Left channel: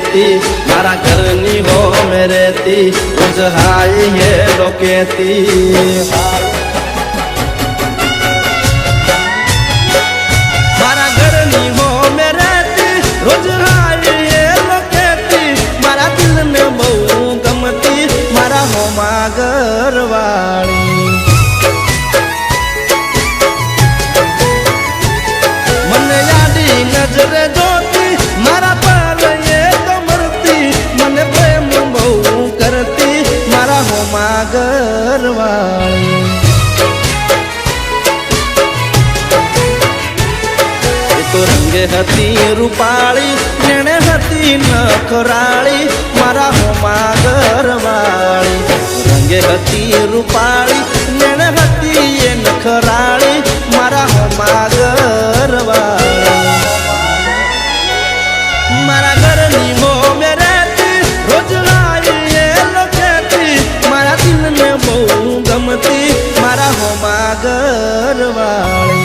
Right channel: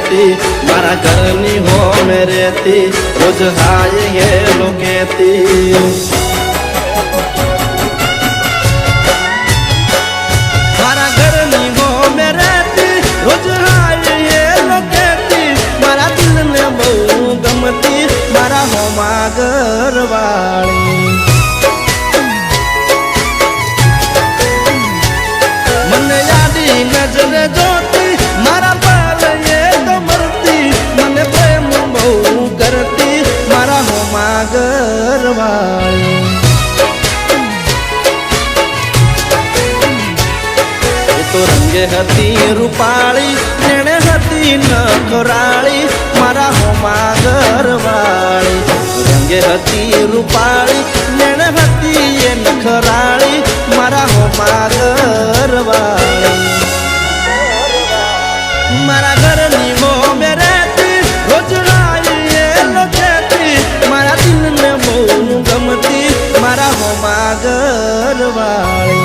केती मारा घरनी हो में रहती रोज हाय हेलो केती मारा घरनी हो में रहती रोज हाय हेलो केती मारा दिल ने बहु गमती मारा होमा घरवाली मन यादी नजर जोती मारा पाल ये तो मरती मन प्रेम बहु करती मारा होमा घरवाली तो रंगे हती रूपाली नेणे हती नखराली मारा होमा घरवाली रंगे हती रूपाली नेणे हती ये नखराली मारा होमा घरवाली मारा घरनी हो में रहती रोज आई ये लोकेती मारा दिल ने बहु गमती मारा होमा घरवाली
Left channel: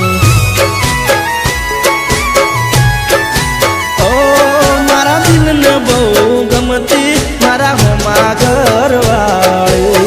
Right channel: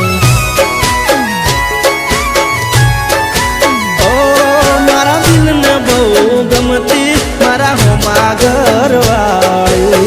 मारा दिल ने बहु गमती मारा होमा घरवाली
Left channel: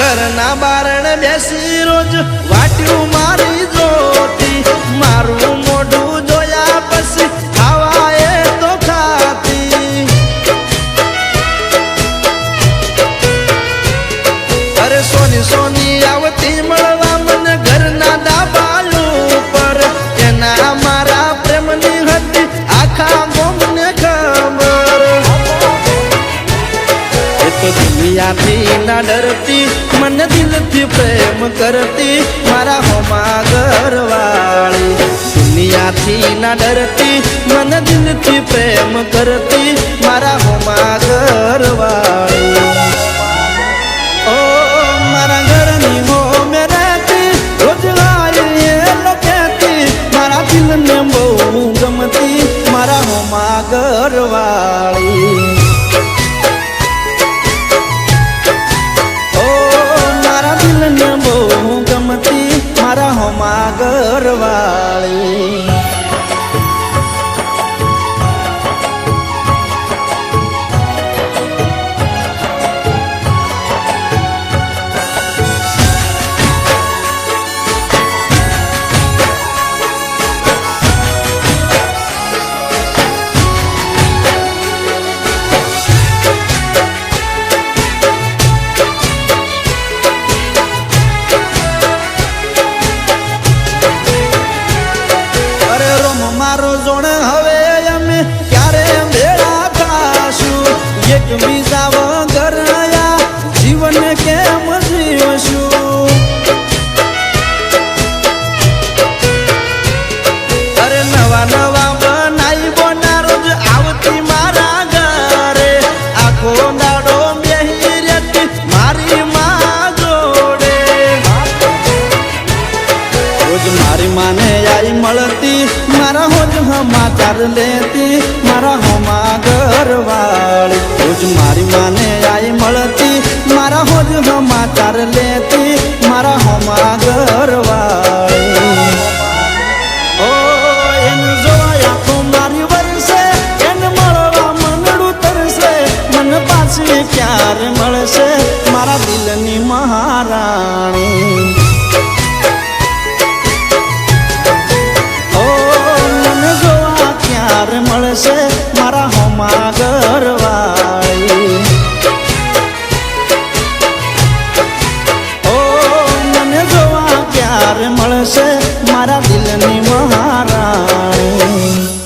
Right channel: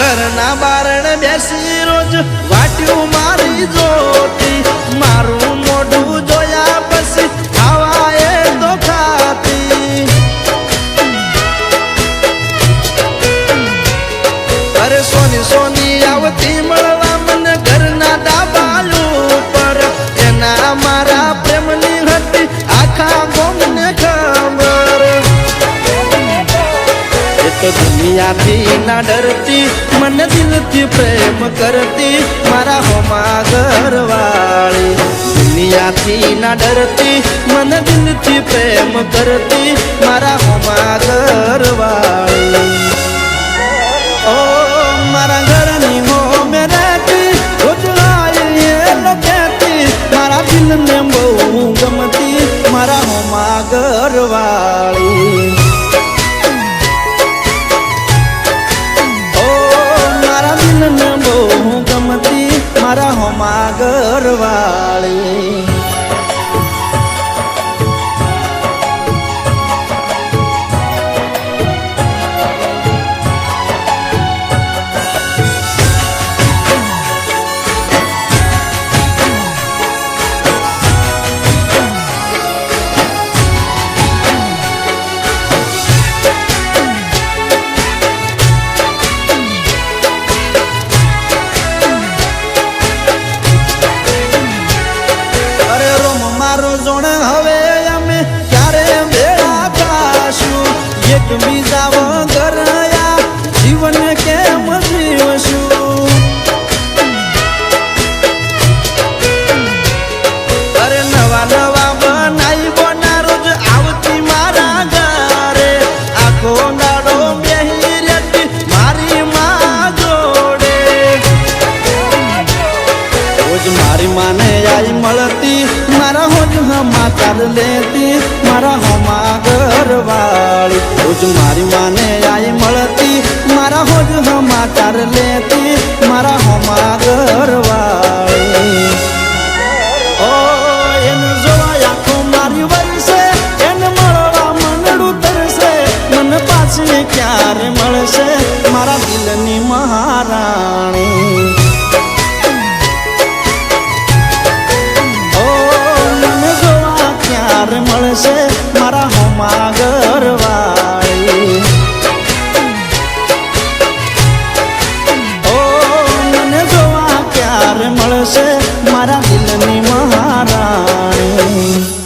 घरना बारण बेसी रोज वाट्यू मारी जोती मारू मोढू जोया पसी खावाए तो खाती अरे सोनी सोनी आवती मळवा मन घरना दाबायू पर एना मारा प्रेमनी हती आखा गोमने खबर तो दुनिया थी ना डरती मन दिल थी प्रेम करती मारा होमा घरवाली दुनिया थी ना डरती मन दिल थी प्रेम करती मारा होमा घरवाली ओ मारा घरनी हो में रहती रोज आई ये लोकेती मारा दिल ने बहु गमती मारा होमा घरवाली दिल ने बहु गमती मारा होमा घरवाली मारो जोण हवे अमे क्यारे भेड़ा थाशु एक बीजा वगर या जीवन केम जीवशु अरे नवा नवा बनाई बोना रोज आवती मारा घरे आखो दाड़ो बेही रेती मारी माँ जोड़े रोज मारी माने आई मलती मारा होज समाचार लेती मारा होमा घरवाली रोज मारी माने आई मलती मारा होज समाचार लेती मारा होमा घरवाली ओ एन जोवा आँखो मारी वरसे एन मळवा मनडू तरसे मन पाछी क्यारे मळसे मारा दिलनी महाराणी क्यार मळसे मारा होमा घरवाली ओ मने जोवा क्यार मळसे मारा दिलनी महाराणी।